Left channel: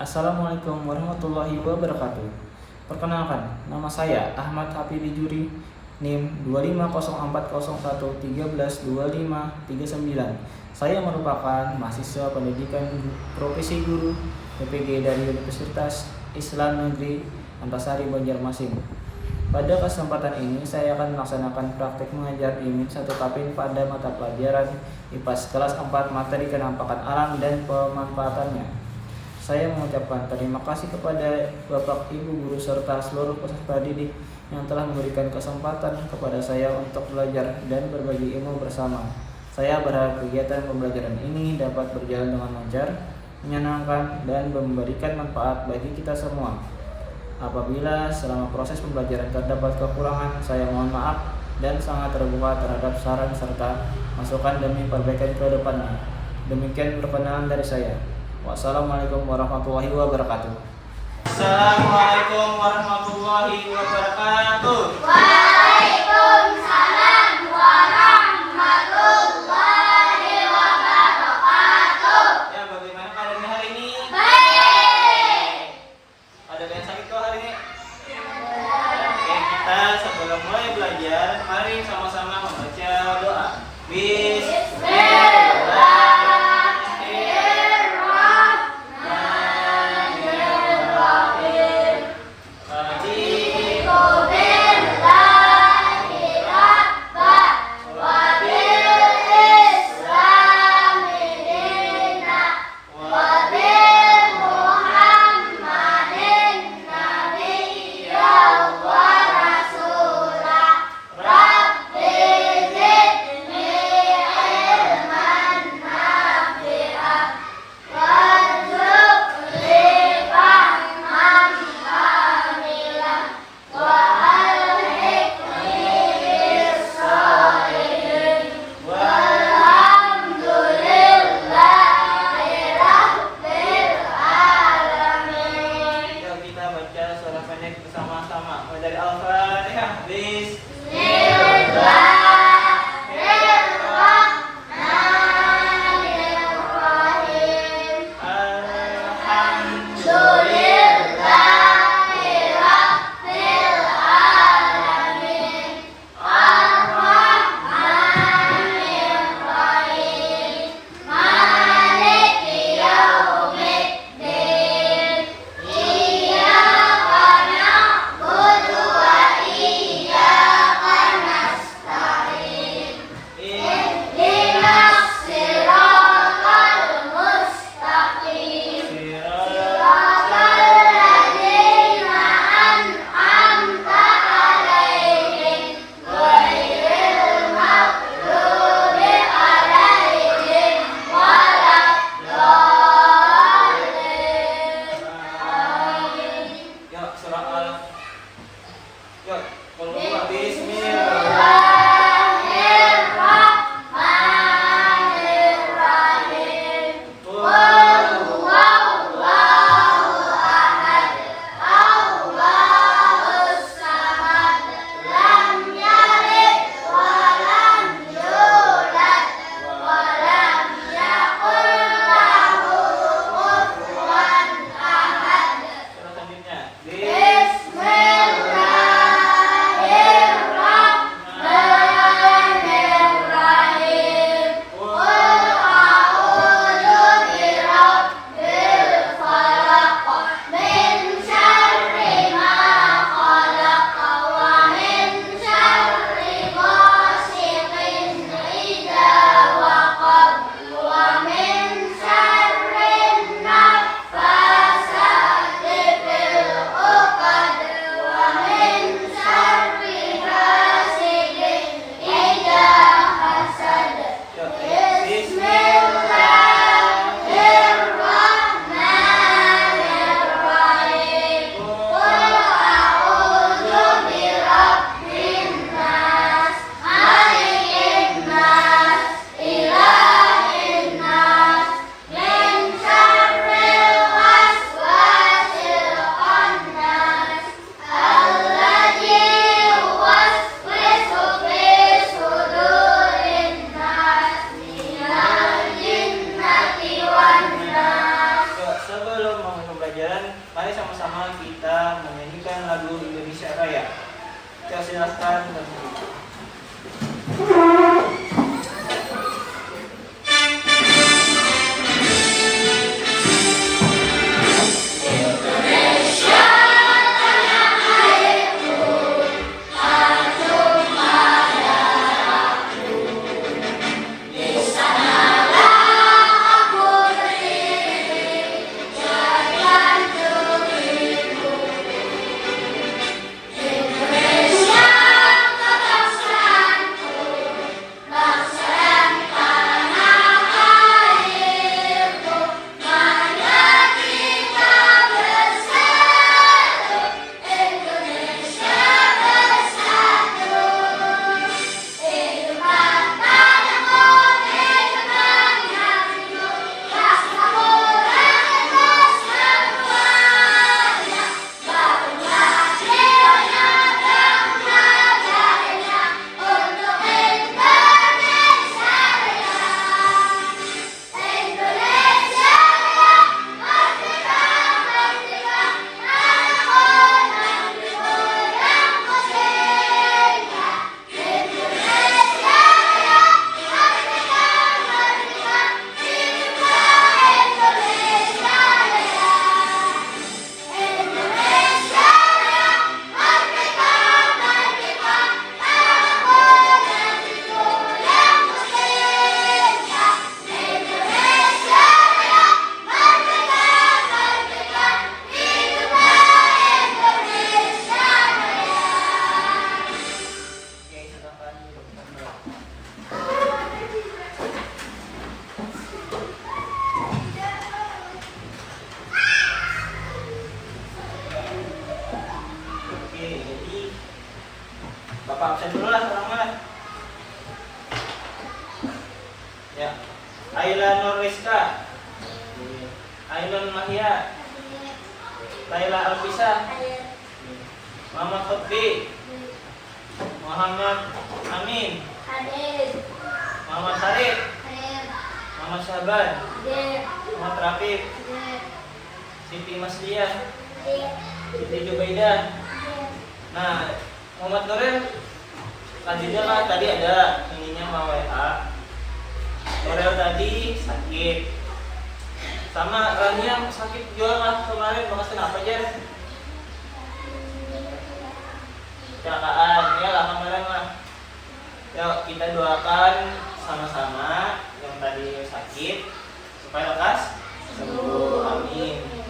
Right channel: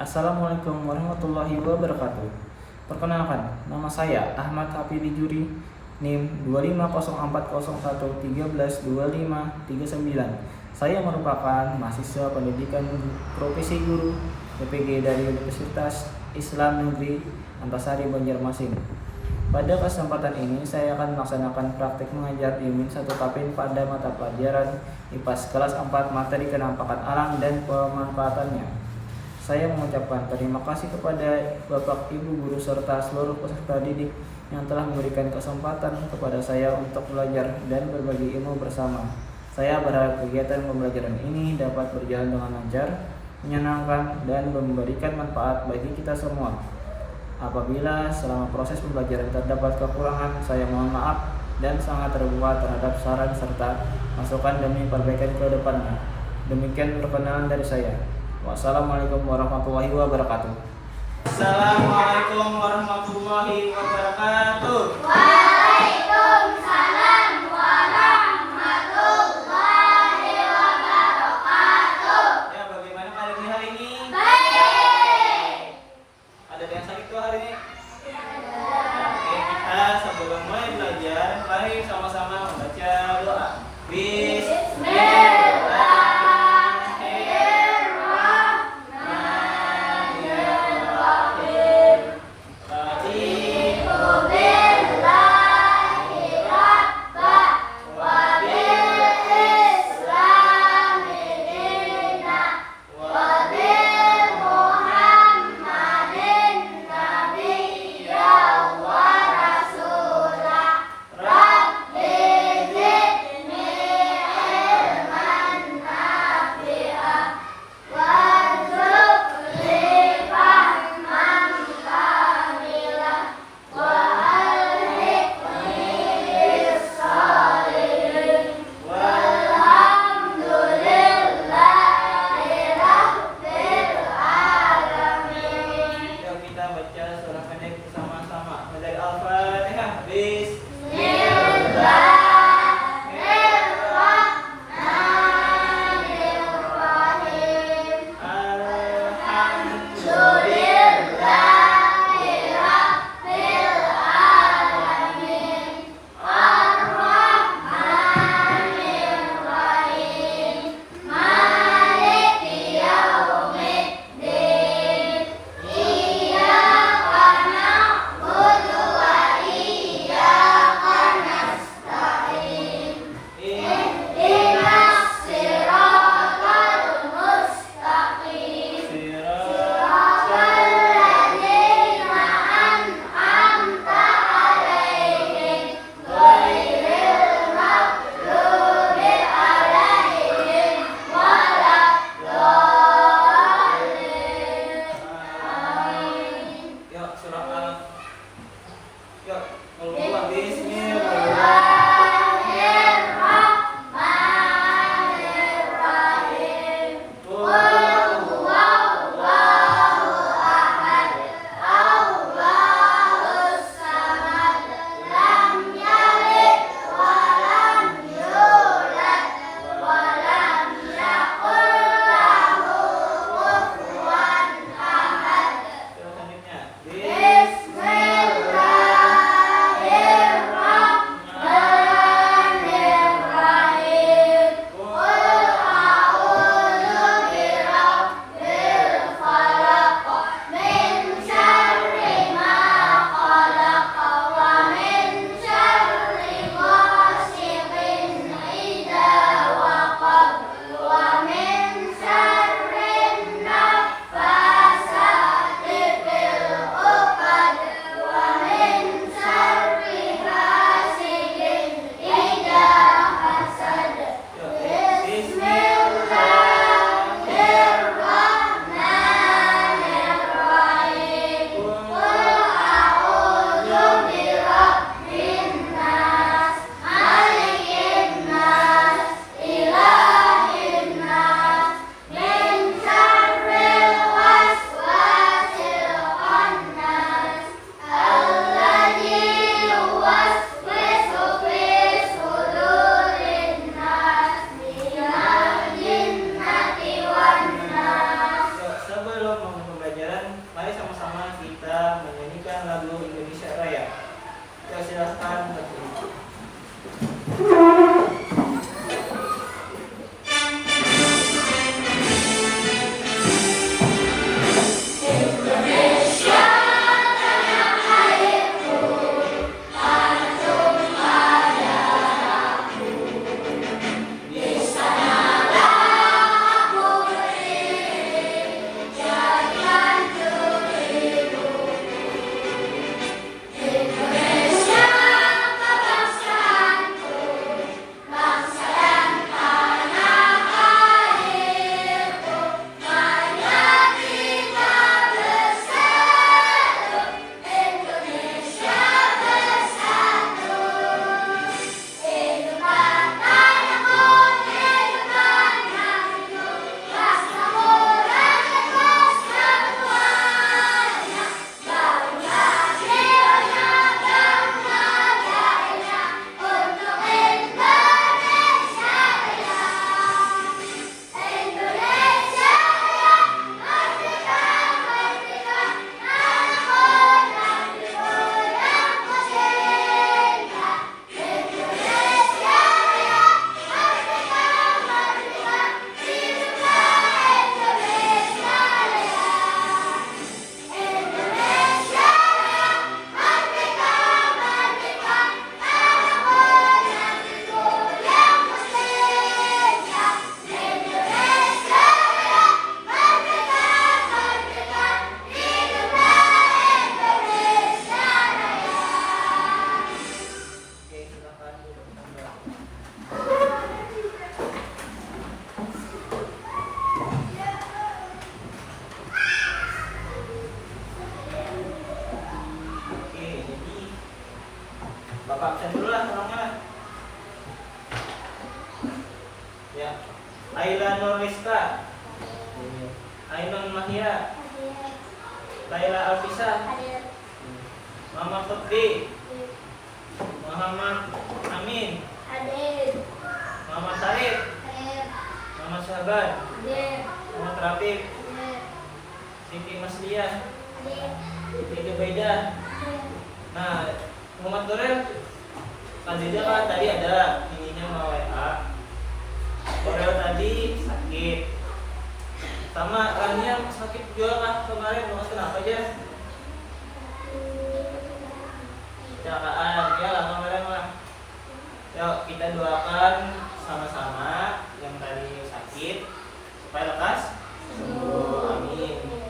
Assalamualaikum warahmatullahi wabarakatuh. Perkenalkan, nama saya Ahmad Hafidi Juri, NIM 2500113122539. Saya merupakan mahasiswa pendidikan profesi guru PPG dari Universitas Islam Negeri Antasari Banjarmasin. Pada kesempatan ini saya akan melaksanakan praktik mengajar di Min 1 Tapin pada mata pelajaran IPAS kelas 4 materi kenampakan alam dan pemanfaatannya. Saya mengucapkan terima kasih kepada Bapak, Ibu guru serta seluruh peserta didik yang telah memberikan kesempatan kepada saya untuk belajar dan berbagi ilmu bersama. Saya berharap kegiatan pembelajaran ini dapat berjalan dengan lancar, menyenangkan, dan memberikan manfaat bagi kita semua. Apabila selama proses pembelajaran terdapat kekurangan, saya mohon maaf dan sangat terbuka terhadap saran serta masukan demi perbaikan ke depannya. Demikian perkenalan dari saya. Wassalamualaikum warahmatullahi wabarakatuh. Assalamualaikum warahmatullahi wabarakatuh. Waalaikumsalam warahmatullahi wabarakatuh. Ya, bagaimana keadaan hari ini? Baik. Ada yang sakit kok hari ini? Oke, kita sebelum mulai belajar, mari sama-sama membaca doa. Bismillahirrahmanirrahim. sambung pembelajaran. Mari sama-sama kita menyanyikan lagu Indonesia Raya. Kita silakan berdiri. Bapak absen dulu lah orangnya. Ya. Ayla Nurliska. Ainun Mahia. Laila Alfisa. Muhammad Lutfi. Muhammad Amin. Muhammad Sarif. Muhammad Syaban. Muhammad Rafiq. Siti Masliah. Siti Jubaidah. Nah, Muhammad Nuril selanjutnya kan tadi ada giginya mau WA. Nuril tadi sakit. Sama Rania sakit juga lah kemarin, bahas kenapa aja? Kecelakaan, ya lah kemarin lah. Yuk kita doakan sama-sama yang tadi sakit supaya lekas sembuh, amin.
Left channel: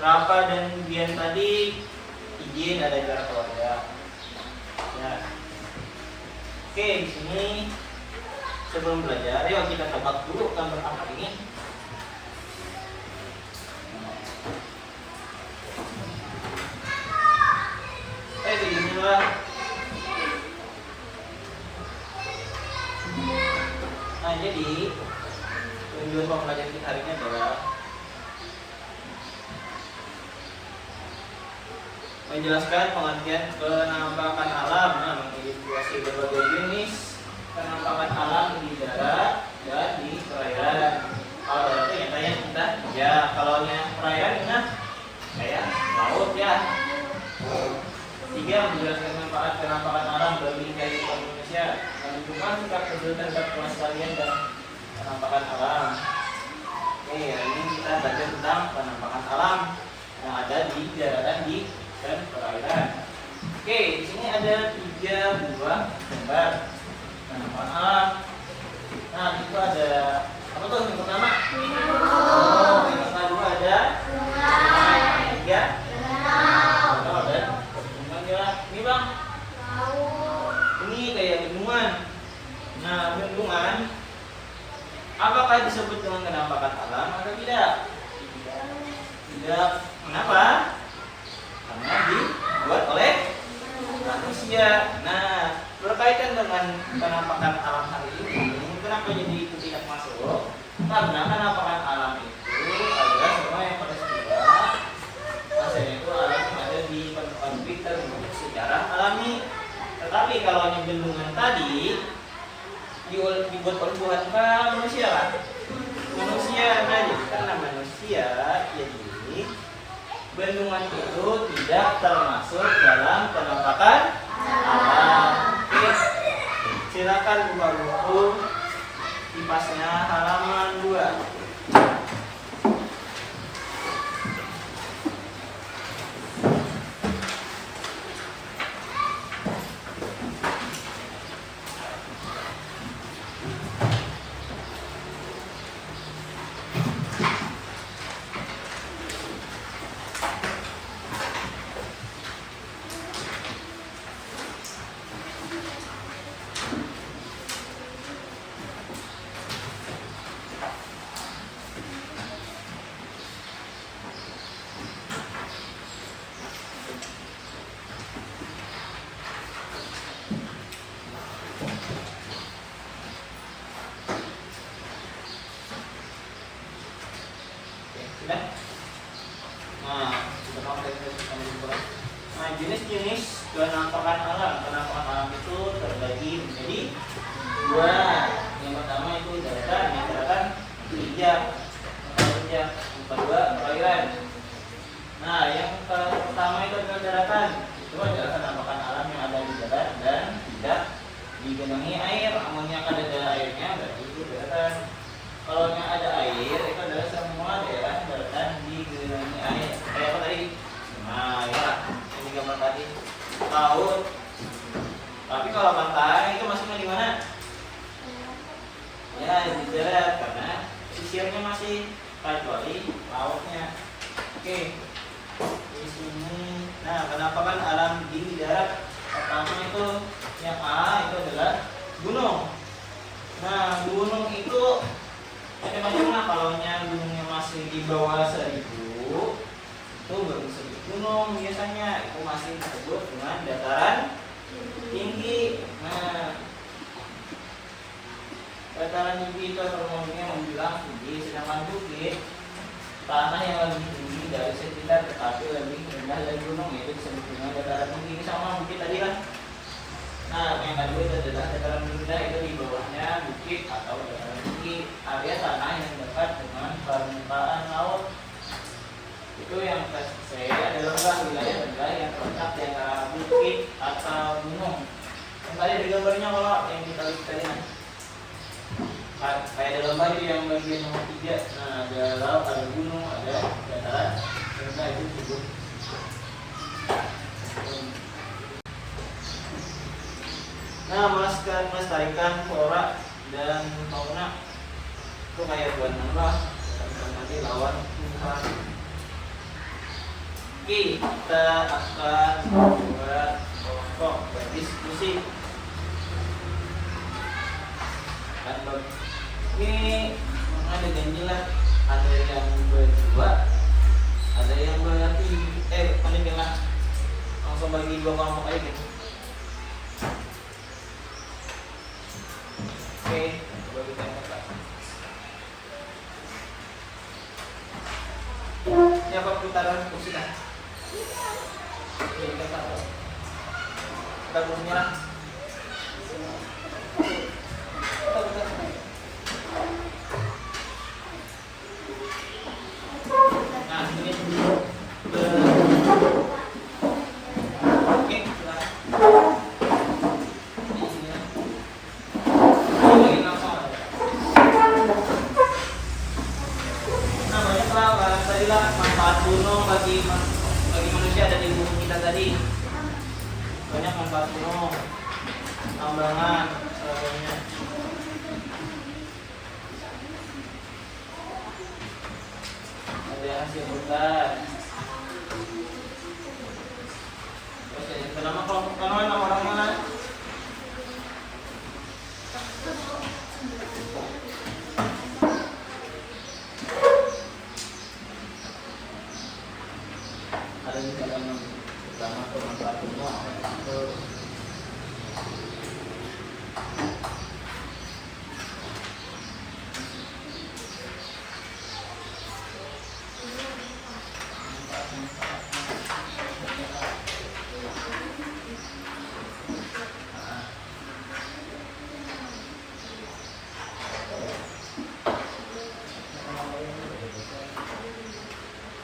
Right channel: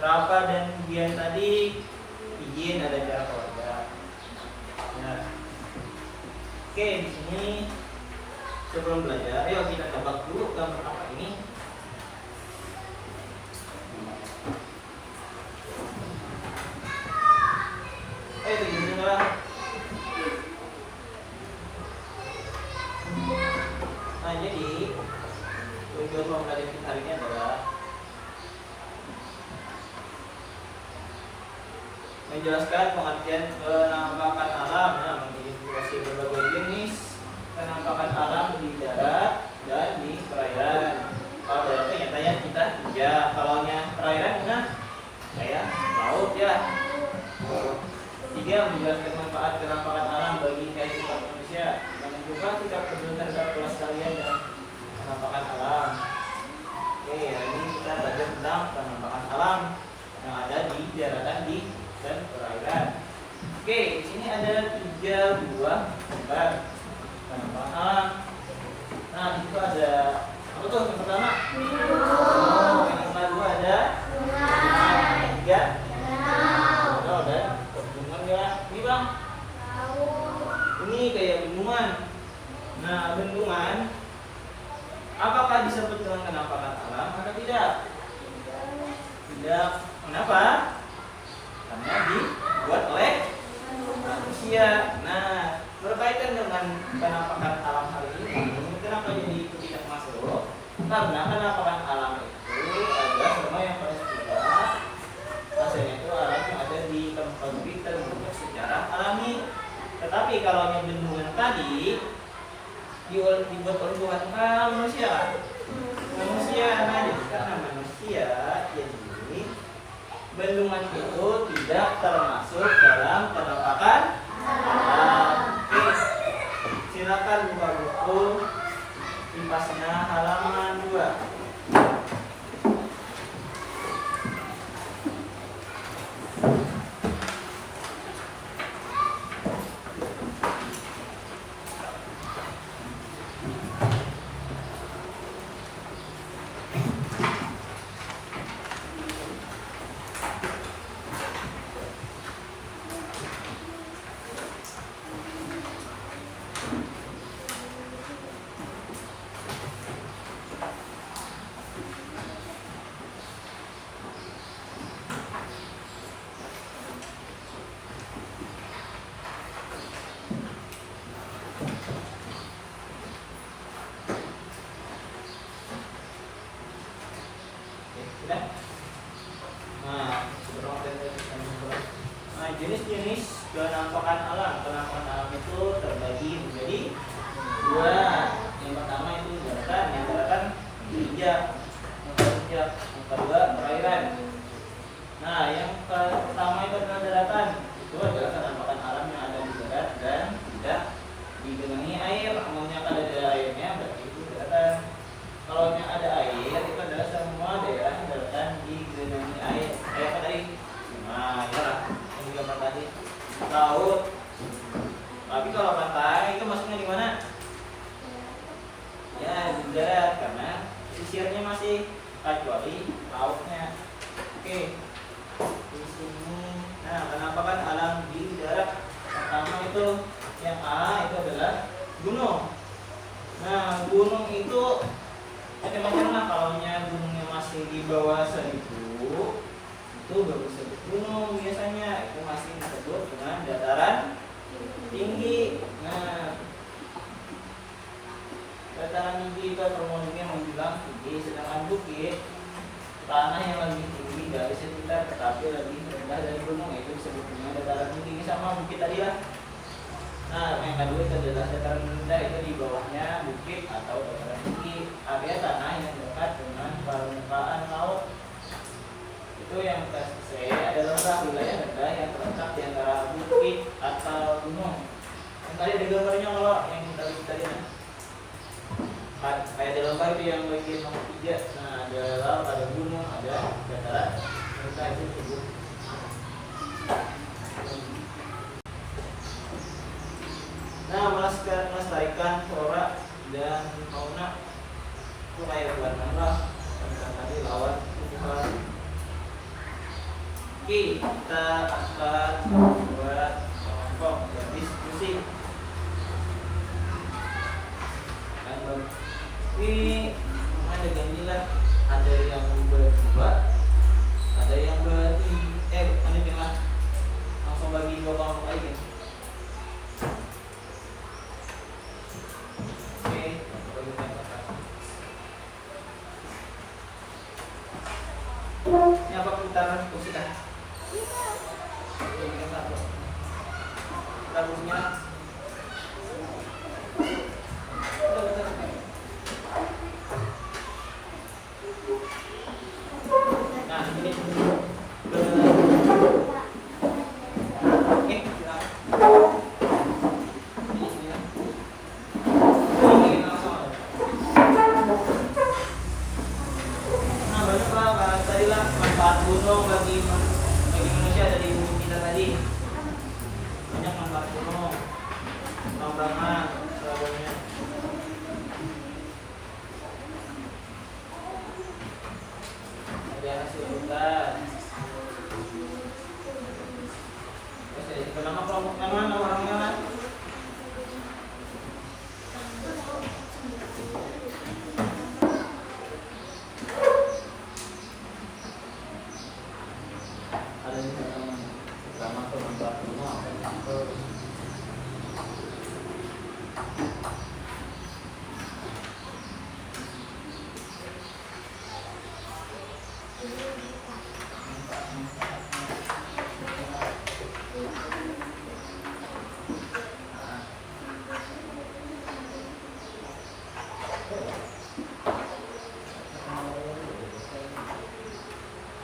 Rafa dan Bian tadi izin ada acara keluarga. Ya. Oke, di sini sebelum belajar, ayo kita tebak dulu gambar apa ini. Ayo begini lah. Nah, jadi tujuan pembelajaran kita hari ini adalah menjelaskan pengertian penampakan alam, mengidentifikasi berbagai jenis penampakan alam di darat dan di perairan. Kalau darat itu nyatanya kita, ya kalau perairan kita kayak laut ya. Tiga, menjelaskan manfaat penampakan alam bagi kehidupan manusia, menunjukkan sikap peduli terhadap kelestarian dan penampakan alam. Oke, hari ini kita belajar tentang penampakan alam yang ada di daratan dan perairan. Oke, di sini ada 3 buah gambar penampakan alam. Nah, itu ada apa tuh yang pertama? Yang kedua ada yang ketiga dan bendungan ya. Ini bang, ini kayak bendungan. Nah, bendungan apakah disebut dengan penampakan alam atau tidak? Tidak. Kenapa? Karena dibuat oleh manusia. Nah, berkaitan dengan penampakan alam hari ini, kenapa jadi itu tidak masuk? Karena penampakan alam itu adalah semua yang peristiwa hasilnya itu alam yang ada di tempat kita terbentuk secara alami. Tetapi kalau hanya bendungan tadi dibuat oleh Tuhan manusia lah. Manusia, nah jadi karena manusia jadi bendungan itu tidak termasuk dalam penampakan alam. Oke, silakan buka buku kipasnya halaman 2. Nah, jenis-jenis penampakan alam. Penampakan alam itu terbagi menjadi 2. Yang pertama itu daratan pijak, yang kedua perairan. Nah, yang pertama itu adalah daratan. Itu adalah penampakan alam yang ada di darat dan tidak digenangi air. Amunnya ada airnya berarti itu daratan. Kalau yang ada air itu adalah semua daerah daratan digenangi air. Kayak apa tadi? Nah, ya, ini gambar tadi laut. Tapi kalau pantai itu masuknya di mana? Ya, di darat karena sisirnya masih kecuali lautnya. Oke, di sini. Nah, penampakan alam di darat pertama itu yang A itu adalah gunung. Nah, gunung itu macam-macam lah. Kalau gunungnya masih di bawah 1000 itu baru disebut gunung biasanya. Itu masih disebut dengan dataran tinggi. Nah, dataran tinggi itu termodingnya membilang tinggi, sedangkan bukit tanah yang lebih tinggi dari sekitar tetapi lebih rendah dari gunung, itu disebut dengan dataran tinggi. Sama bukit tadi lah. Nah, yang kedua itu adalah dataran rendah, itu di bawahnya bukit atau dataran tinggi, area tanah yang dekat dengan permukaan laut. Itu yang C adalah wilayah rendah yang terletak di antara bukit atau gunung. Tadi ada gambarnya kalau yang kita lihat tadi. Kayak dalam baju yang bagian nomor 3. Nah, ada laut, ada gunung, ada dataran rendah, itu disebut. Nah, melestarikan flora dan fauna itu kayak bulan apa tentang tadi lawan tumbuhan. Oke, kita akan buat kelompok berdiskusi. Ini ada janji lah, ada yang berdua, ada yang paling jangan langsung bagi 2 kelompok aja gitu. Oke, kalau kita kata ini apa putaran kursi kan? Oke, kita kursinya lah. Nah, ini manfaat gunung bagi manusia ada di bumi kita tadi. Banyak manfaat gunung, tambangan, sebagainya. Ada hasil hutan. Itu nama kelompok mana orang mana? Ada misalnya pertama tuh manfaat gunung apa itu?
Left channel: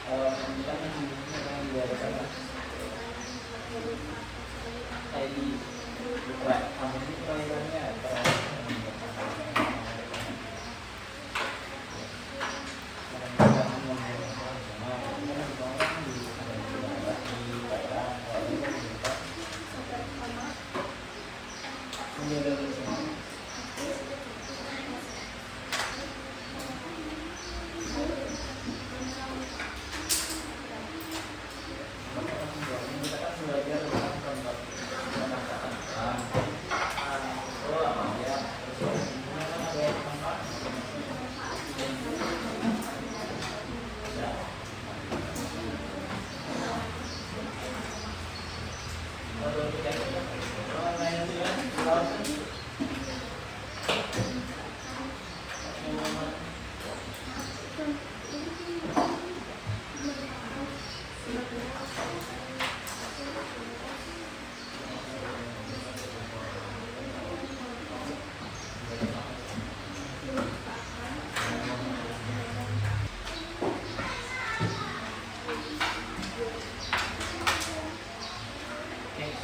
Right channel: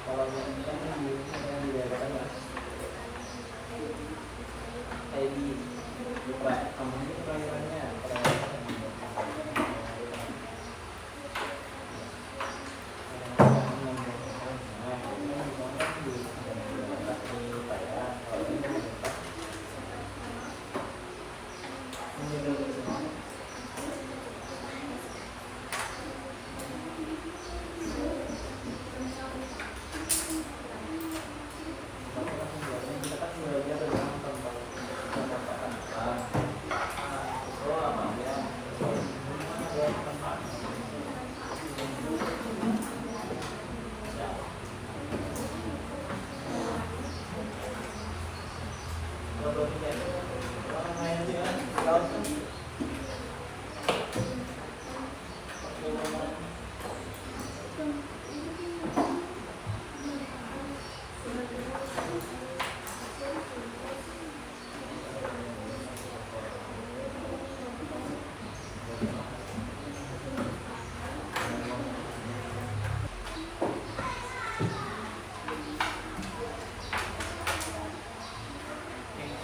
Kalau yang jadi lupa kamu ini perairannya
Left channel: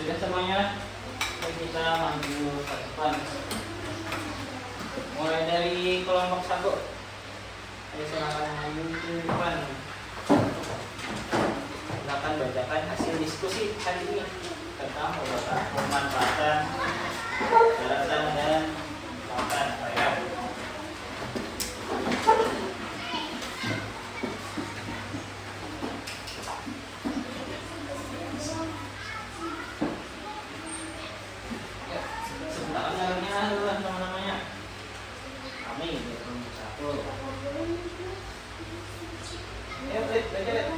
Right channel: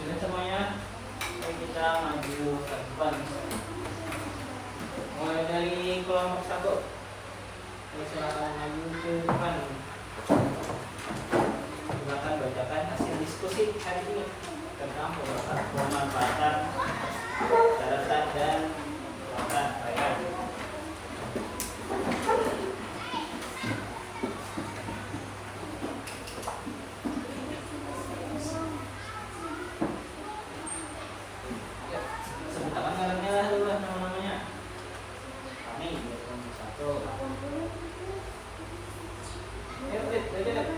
sudah semuanya. Mari kita maju ke depan. Mulai dari kelompok 1. Silakan maju ke depan. Silakan bacakan hasil diskusi hari ini tentang pemanfaatan daratan dan pengelolaan perairan. Sebutkan namanya dulu, nama-namanya. Kami kelompok 1. Ayo, baca deh.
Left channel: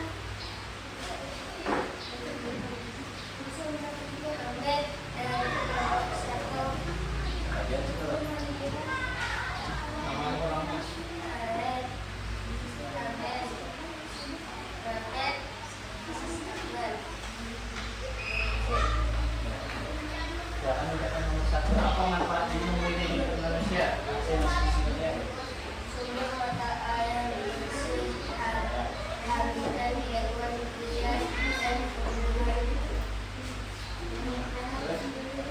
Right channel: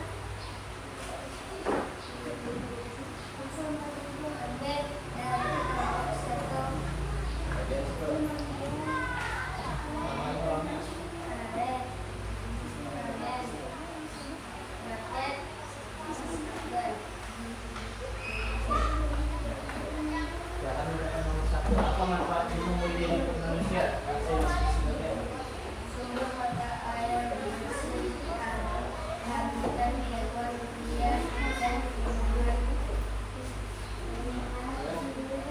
Apa manfaat sumber daya Indonesia? Sumber mata air bersih, habitat hewan liar dan tumbuhan.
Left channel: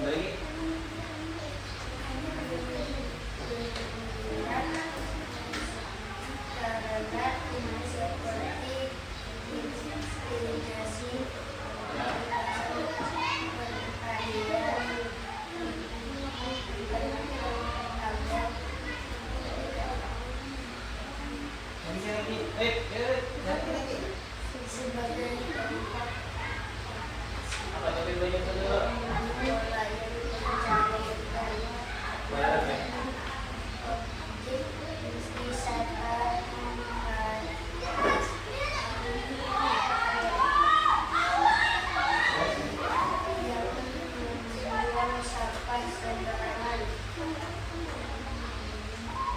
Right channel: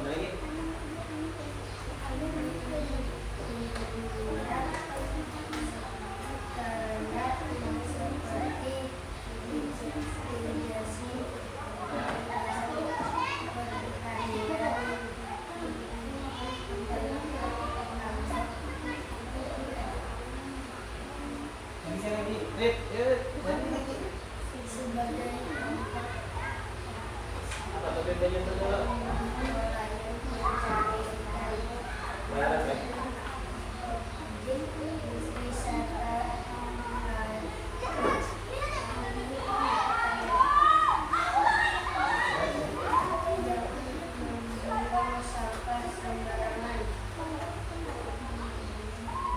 Lagi. Karena seperti irigasi, sebagai tempat Apa tadi belajar dulu? nelayan mencari ikan, objek wisata, yang membuang sampah sembarangan,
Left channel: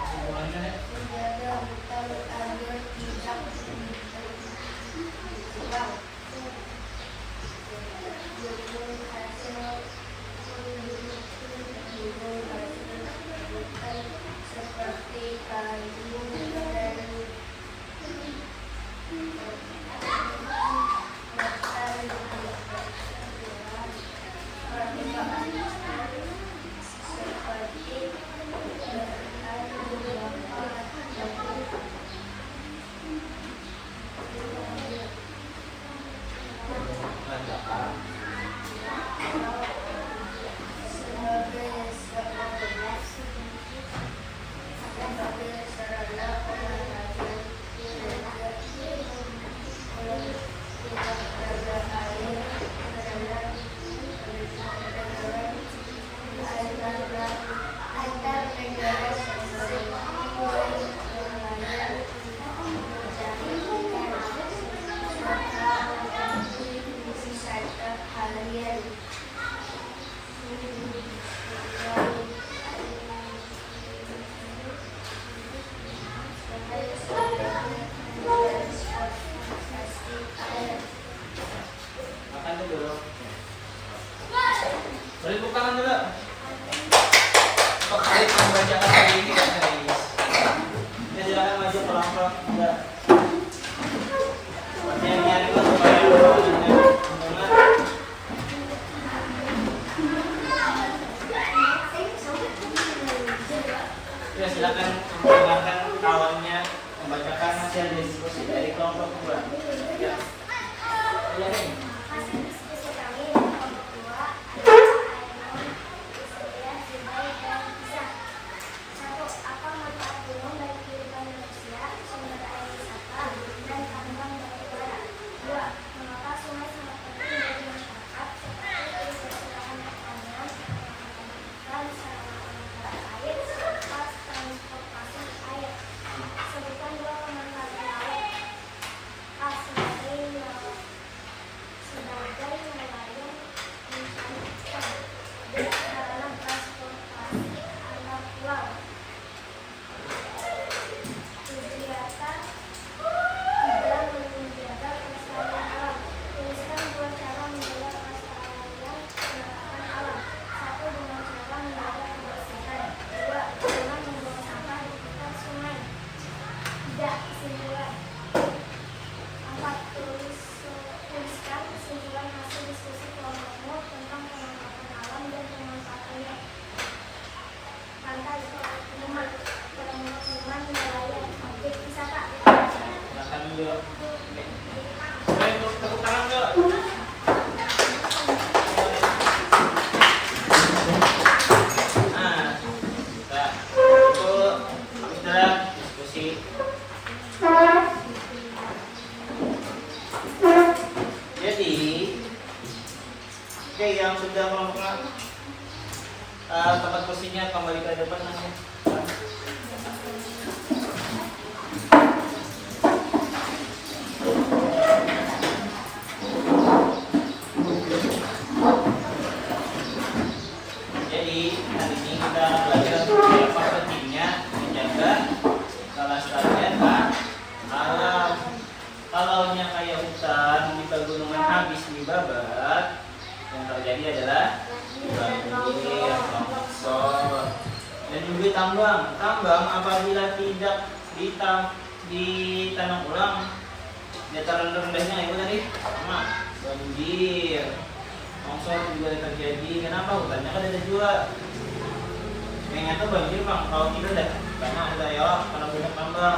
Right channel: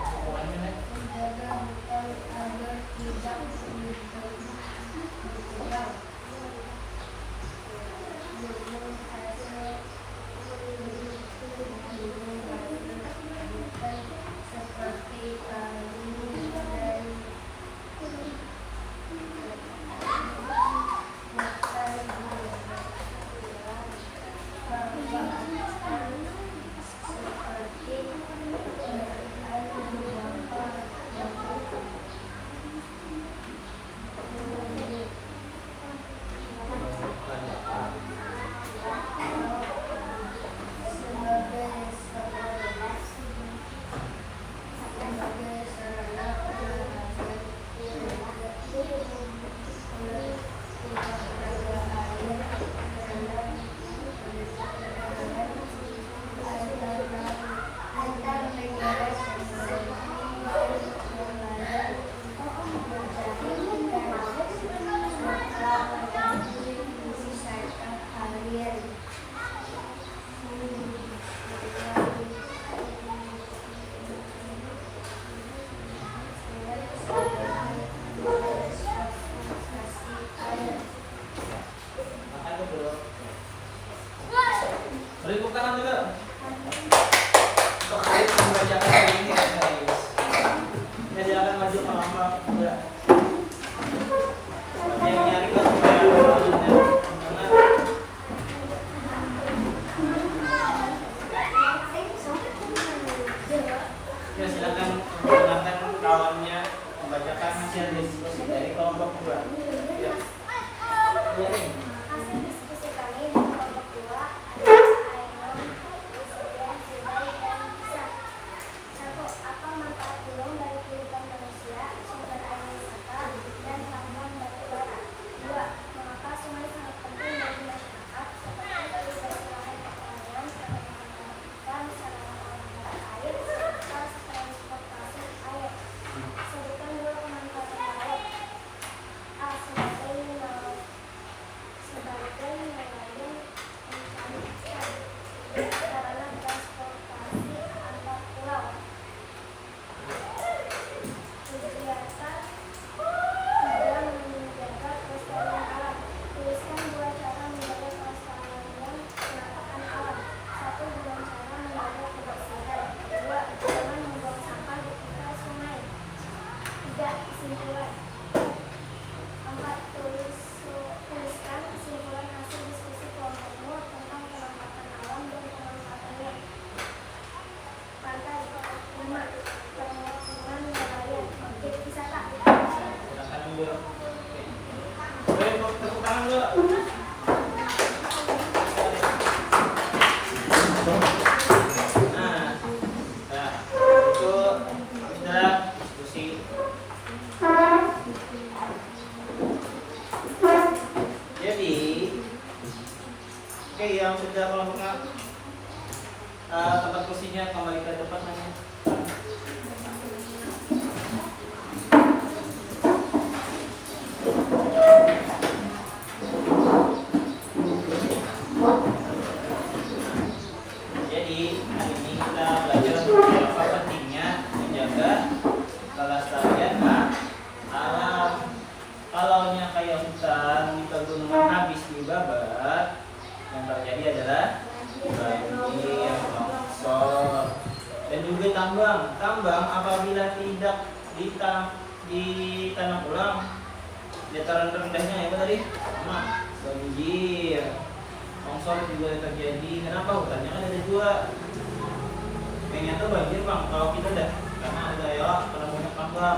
Semuanya menjaga hutan agar tidak ditebang, Oke, yang sudah melakukan tempat kursinya kembali ke depan nanti. Jadi hari ini kita belajar apa pentingnya menjaga kelestarian alam. Kalaunya kayak hutan di pegunungan habis dibabat, yang terjadi adalah banjir, longsor, dan juga tambang apabila tidak ditanam ulang, dataran rendahnya itu tadi sama banjir, longsor juga terjadi. Kenapa? Hutannya kan ada dua. Yang nyata banjir bang, kalau tidak ada, karena ada ya, karena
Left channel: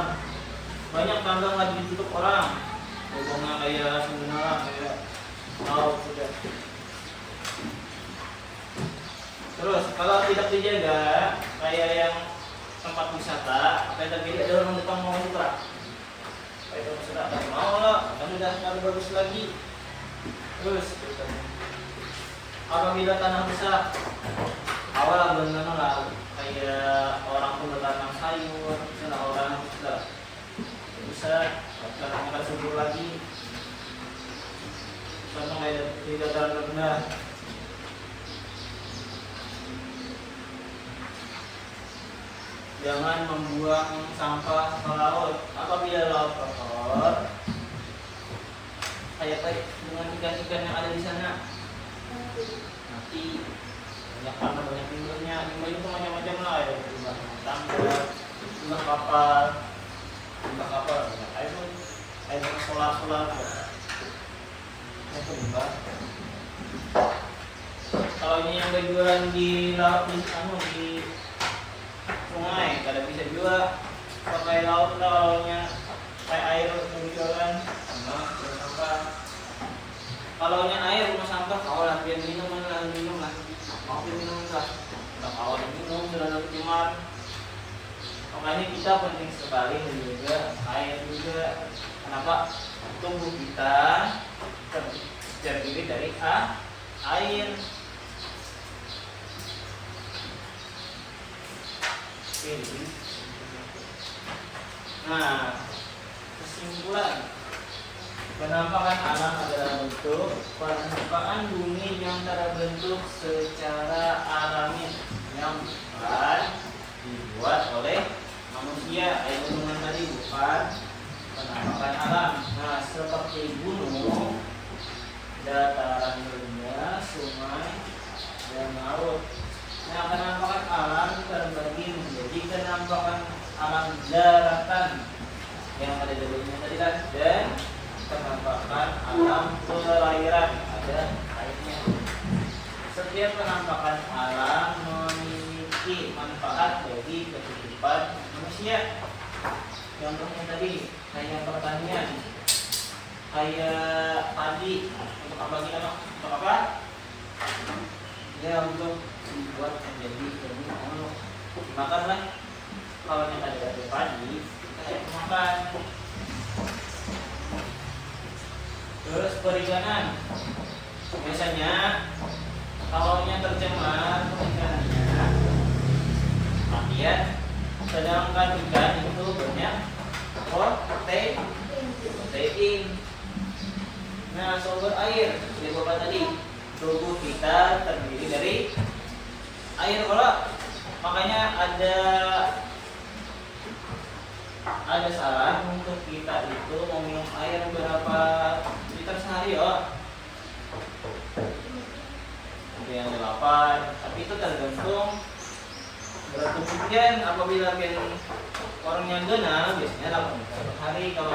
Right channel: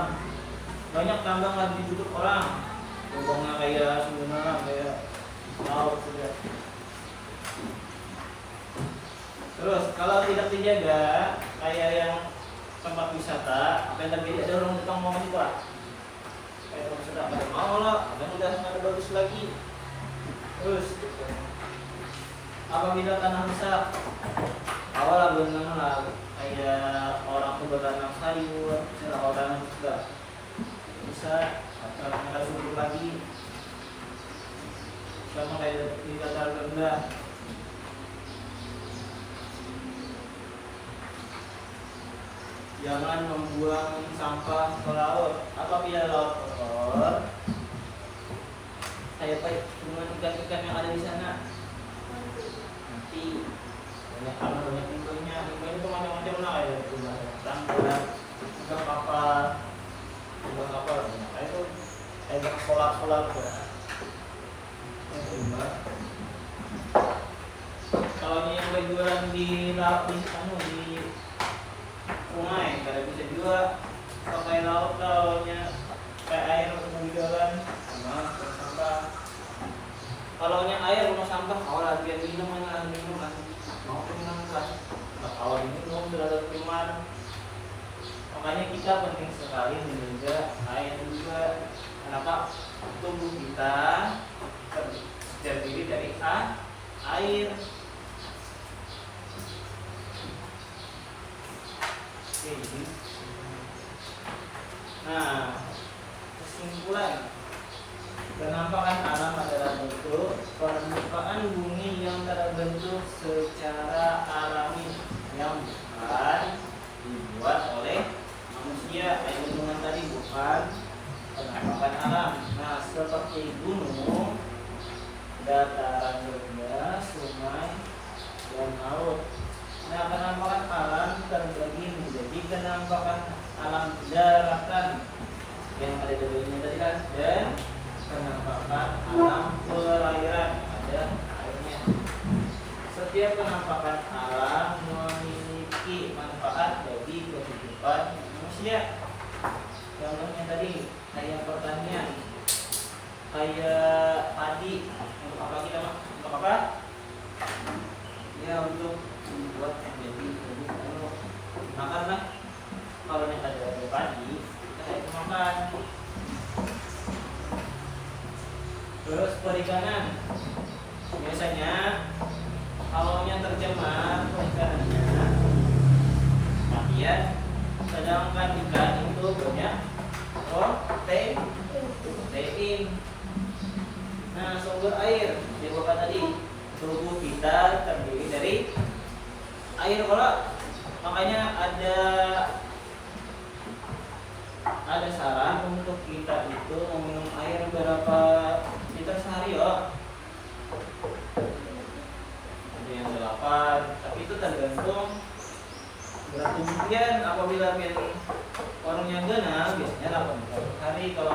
banyak tambang lagi ditutup orang, lubangnya kayak sebenarnya kayak mau sudah. Terus kalau tidak dijaga kayak yang tempat wisata, apa yang terjadi ada orang datang mau buka. Kayak tempat wisata ada mau lah, kan udah nggak bagus lagi. Terus apabila tanah rusak, awal belum lama lah kayak orang tuh bertanam sayur, setelah orang sudah rusak, tanahnya akan subur lagi. Sama kayak di dataran rendah. Jangan membuang sampah ke laut. Apabila laut kotor, kayak dengan ikan-ikan yang ada di sana mati. Banyak karena banyak limbahnya. Limbah itu macam-macam lah, ya limbah sampah, limbah kapal, Kayak itu kayak solar itu limbah. Kalau ini yang berjualan di laut di sungai, kada bisa juga pakai laut kalaunya kayak air mau jualan, sampah. Kalaunya air rumah sampah, kawalan biar minum mana minum lah, mau minum lah, tak kawal minum terhadap teman. Makanya kita penting sekali menjaga air juga. Kenapa? Tubuh kita terdiri dari air. Nah, kesimpulan, penampakan alam adalah bentuk permukaan bumi yang terbentuk secara alami yang bukan dibuat oleh manusia. Gunungan tadi bukan penampakan alam. Nah, seperti gunung, dataran rendah, sungai, dan laut. Nah, penampakan alam terbagi menjadi penampakan alam daratan yang ada di dunia tadi dan penampakan alam perairan, ada airnya. Setiap penampakan alam memiliki manfaat bagi kehidupan manusia. Contohnya tadi kayak pertanian, kayak padi, apa? Ya untuk dibuat menjadi produk makanlah. Kalau yang ada padi itu makan. Terus perikanan, biasanya kalau yang tercemar perikanannya kemudian, sedangkan ikan itu banyak protein. Nah, sumber air yang bapak tadi, tubuh kita terdiri dari air kalau. Makanya ada saran untuk kita itu meminum air berapa liter sehari ya. Ada yang 8, tapi itu tergantung berat tubuh kalian. Apabila orang yang genal biasanya 8 liter per hari. Kalau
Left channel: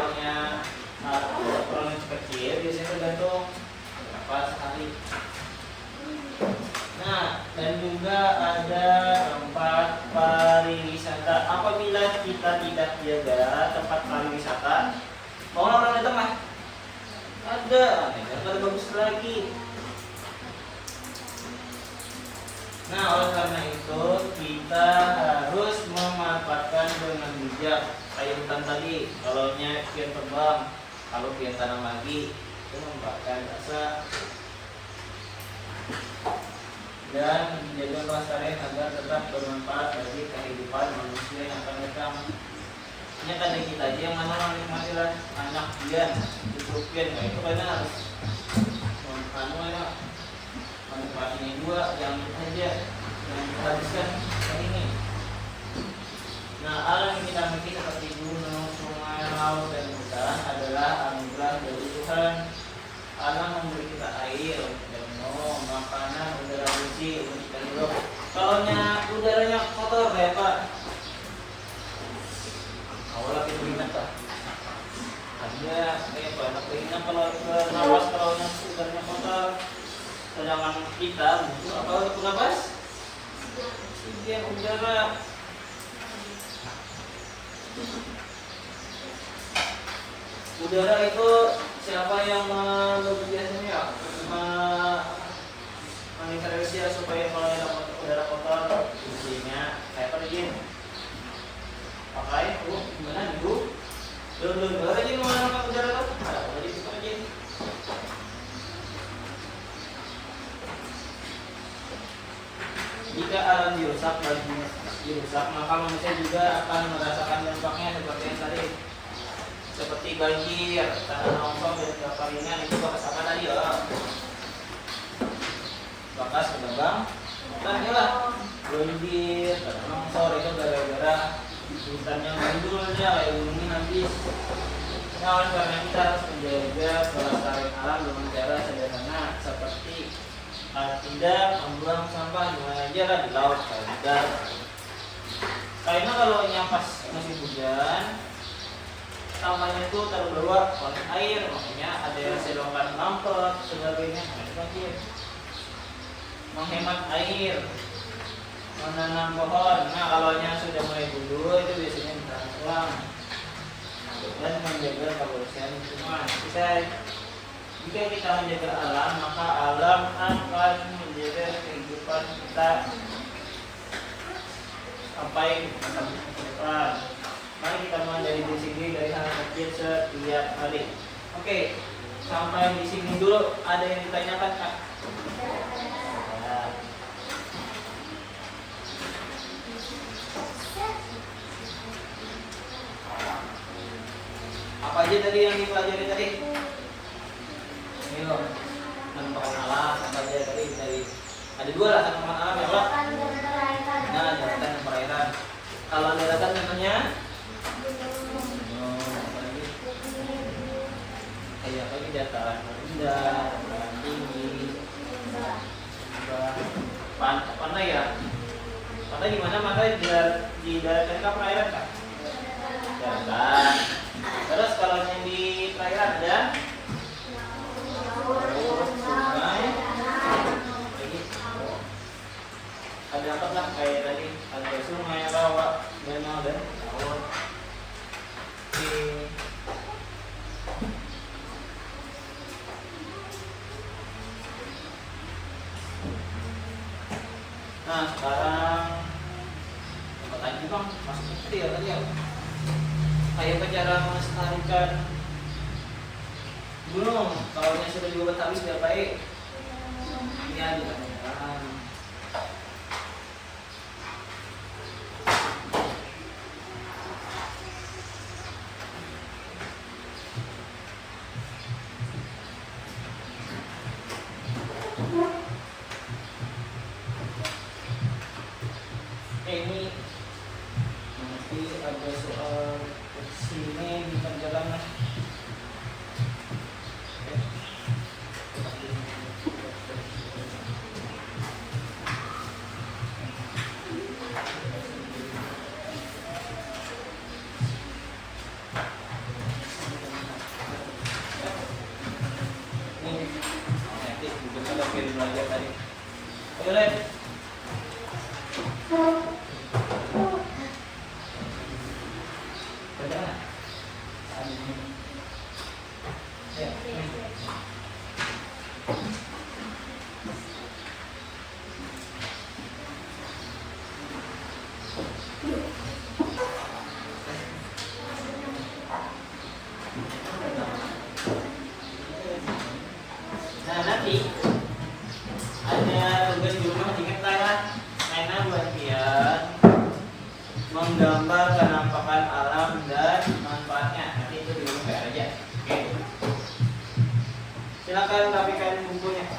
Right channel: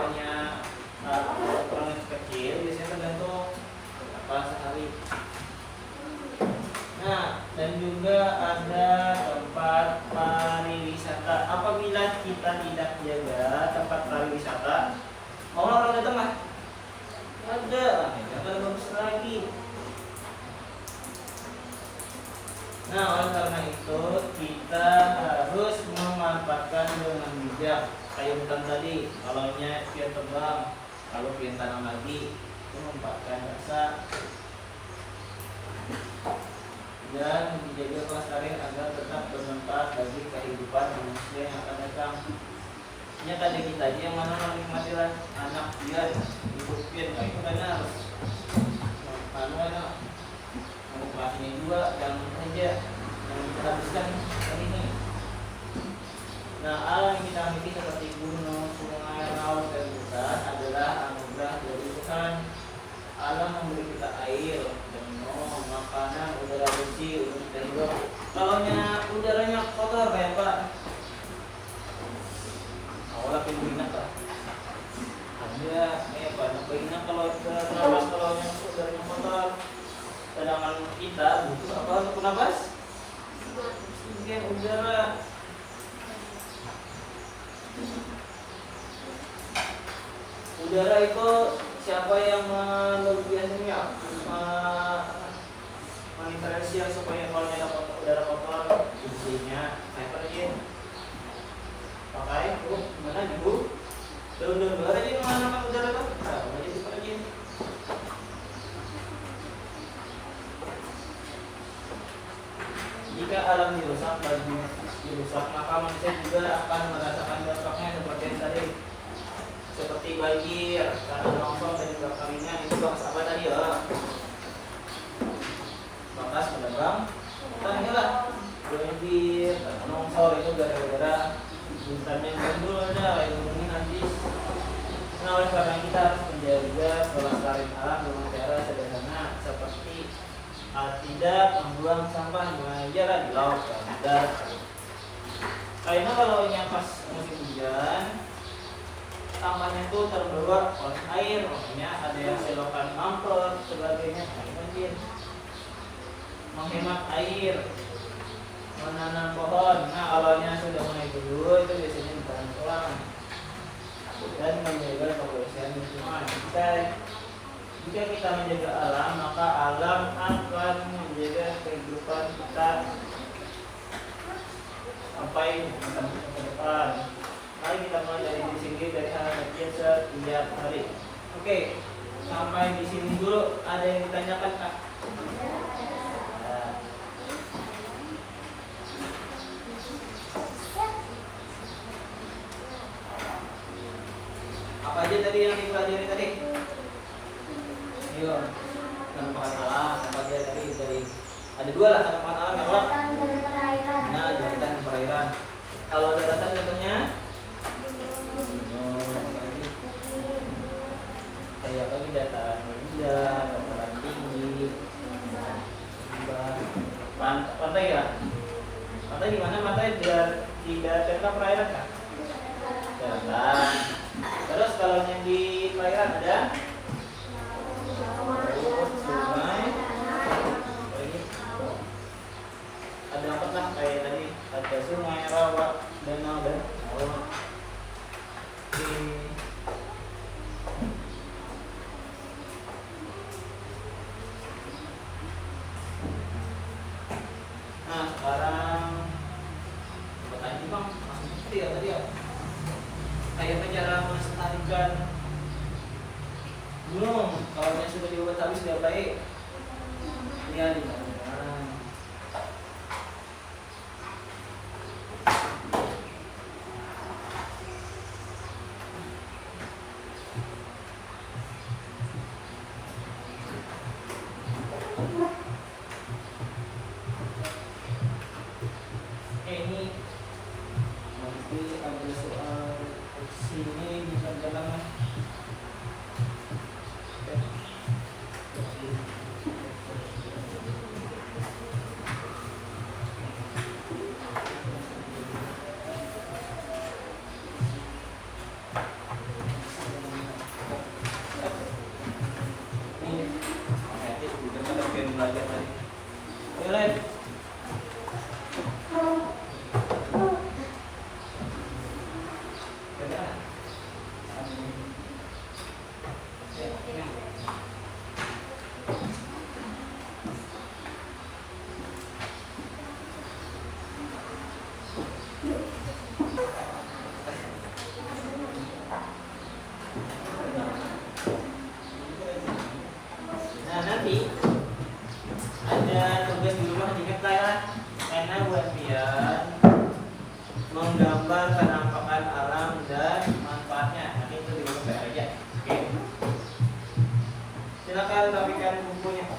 orang yang kecil biasanya tergantung berapa sehari. Nah, dan juga ada tempat pariwisata. Apabila kita tidak jaga tempat pariwisata, mau orang datang mah ada, pada bagus lagi. Nah, oleh karena itu kita harus memanfaatkan dengan bijak. Kayak hutan tadi, kalau pian tebang, kalau pian tanam lagi, itu memanfaatkan rasa. dan menjaga kelestarian agar tetap bermanfaat bagi kehidupan manusia yang akan datang. Ini tadi kita aja yang mana menikmati anak pian, hidup pian, nah itu karena harus mana menikmatinya juga, jangan saja yang kita habiskan ini. Nah, alam yang kita miliki seperti gunung, sungai, laut, dan hutan adalah anugerah dari Tuhan. Alam memberi kita air dan minum, makanan, udara bersih untuk kita hidup. Kalau udaranya kotor ya Pak, aku lagi minat Pak. Ada Pak, begini kalau bernapas kalau yang udaranya kotor, sedangkan kita butuh apa untuk napas? Oksigen udara. Udara itu siapa yang biasanya mengintervensi supaya kalau ada udara kotor bersihnya kayak pergi pakai gimana dulu dulu aja mana udara tuh ada lagi pergi. Jika alam dirusak maka manusia juga akan merasakan dampaknya seperti yang tadi, seperti banjir, tanah longsor dan kekeringan. Itu bekas apa tadi ya? Bekas pedagang hutan lah. Banjir, tanah longsor itu gara-gara hutan yang gundulnya, ini habis. Nah, oleh karena kita harus menjaga kelestarian alam dengan cara sederhana seperti tidak membuang sampah di mana aja lah, di laut, di darat. Karena kalau yang pas musim hujan sampahnya itu terbawa oleh air, makanya ada yang selokan mampet sebagainya, ada banjir. Menghemat air, menanam pohon. Nah, kalau sudah mulai dulu itu biasanya ditanam ulang dan menjaga kebersihan lingkungan. Jika kita menjaga alam, maka alam akan menjaga kehidupan kita sampai masa depan. Mari kita menjadi diri sendiri dari hal kecil setiap hari. Oke, sampai di sini dulu. Ada yang ditanyakan Kak? Apa aja tadi yang dipelajari tadi? Ayo, penampakan alam, apa aja tadi dari ada dua lah, penampakan alam yang apa? Nah, daratan dan perairan. Kalau daratan contohnya kayak apa? Dataran rendah, dataran tinggi, pantai ya. Pantai di mana? Pantai di daratan kah perairan kah? Daratan. Terus kalau yang di perairan ada sungai, ada apa kan kayak tadi ada sungai, rawa, danau dan air. Nah sekarang pertanyaan bang masih itu ya tadi ya kayak cara melestarikan gunung. Kalau yang sudah dibuat habis sudah baik ya ini nanti ada soal sini di perjalanan. Ini nanti udah belajar tadi. Boleh. Nah nanti Silakan rapikan bukunya.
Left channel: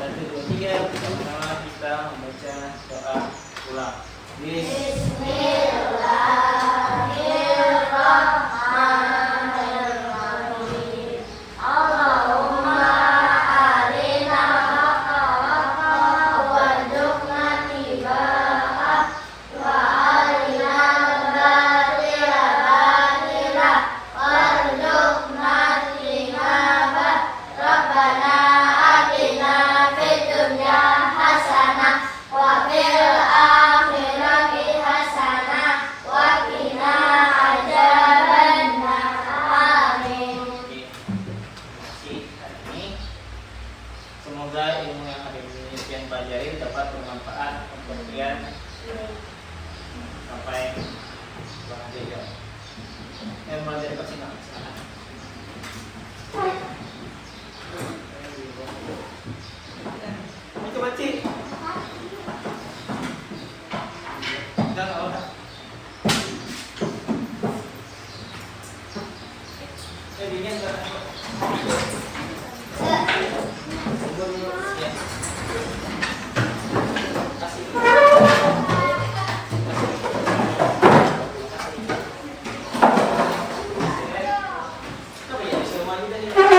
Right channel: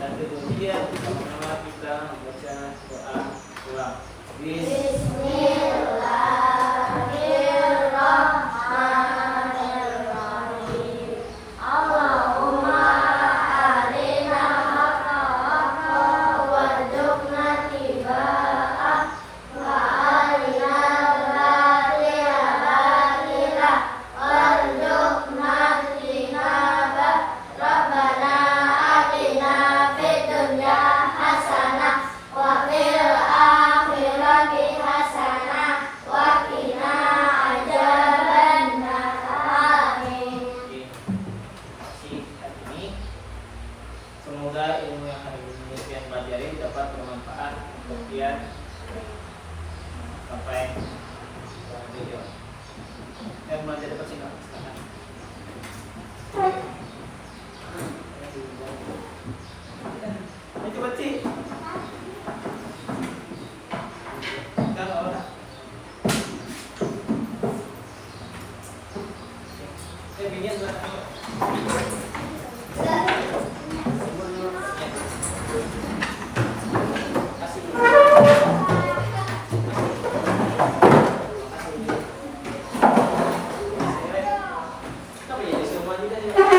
1, 2, 3, sama-sama kita membaca doa ulang. Bismillahirrahmanirrahim. Allahumma arina haqqahu warzuqna tiba'ah wa arina batila batila warzuqna tinabah. Rabbana atina fid dunya hasanah wa fil akhirati hasanah wa qina adzabannar. Amin. Oke. Terima kasih hari ini. Semoga ilmu yang hari ini kalian pelajari dapat bermanfaat untuk kalian sampai nanti ya. Yang belajar dekat sini, silakan. Itu baca. Jangan orang. Jadinya enggak. Kasih dulu. Apa ya? Semua kita